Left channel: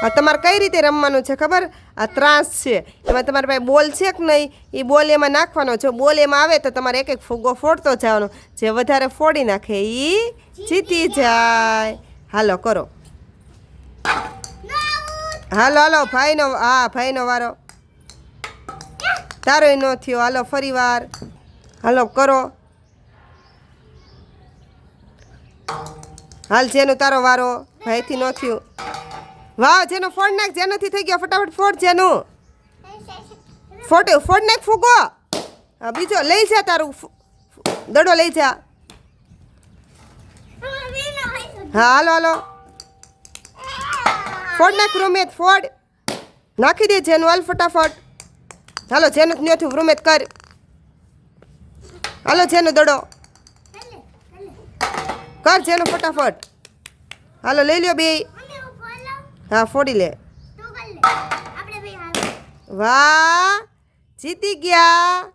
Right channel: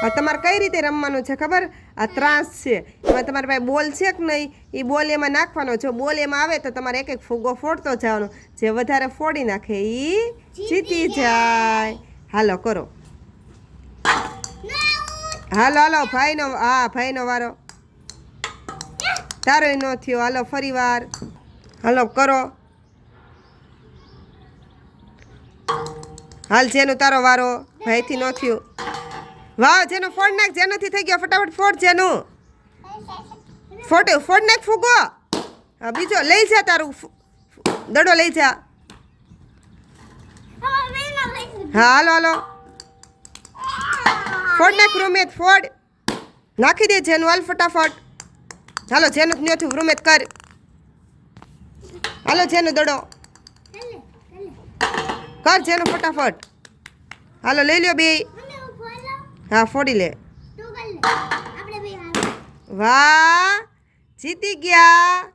હવે તમારે કઈ રીતે રમવાનું છે ખબર? આ ત્રાસ છે, એમાં તમારી પાસે બોલ છે કે નહીં, એ બોલ એમાં નાખવાનો છે. બોલ એમાં આવે તો તમારે એક એક ફુગ્ગો ફોડતો જવાનો. જે વધારે ફોડી નાખે એ જીતી જાય. હાલો કરો, હાલો હાલો. ભાઈનો, હા ભાઈનો વારો. તારો ન થયો. હાલો ફરી વાર, હાલો કરો. હાલ જેનું તારો વારો. ભાઈથી ન થયું. વાહ, જેનું ફોડ નાખ. જેનાથી થઈ ગયો ફટાફટ ફોડ. જેનું ફોડ નાખ ફૂગો. હા બીજો લઈ જા, તારું દડો લઈ જા. હા હાલો હાલો, ફોડ નાખ રૂમેત. ફોડ નાખી દે જેનું. હાલ ફટાફટ. હાલો જેનું ન થયું રૂમેત કર. હાલો જેનું દડો કર. જેનું ફટાફટ. હાલો લઈ લ્યો બે. હા ફોડી લે. વાહ, જીતી ગયા.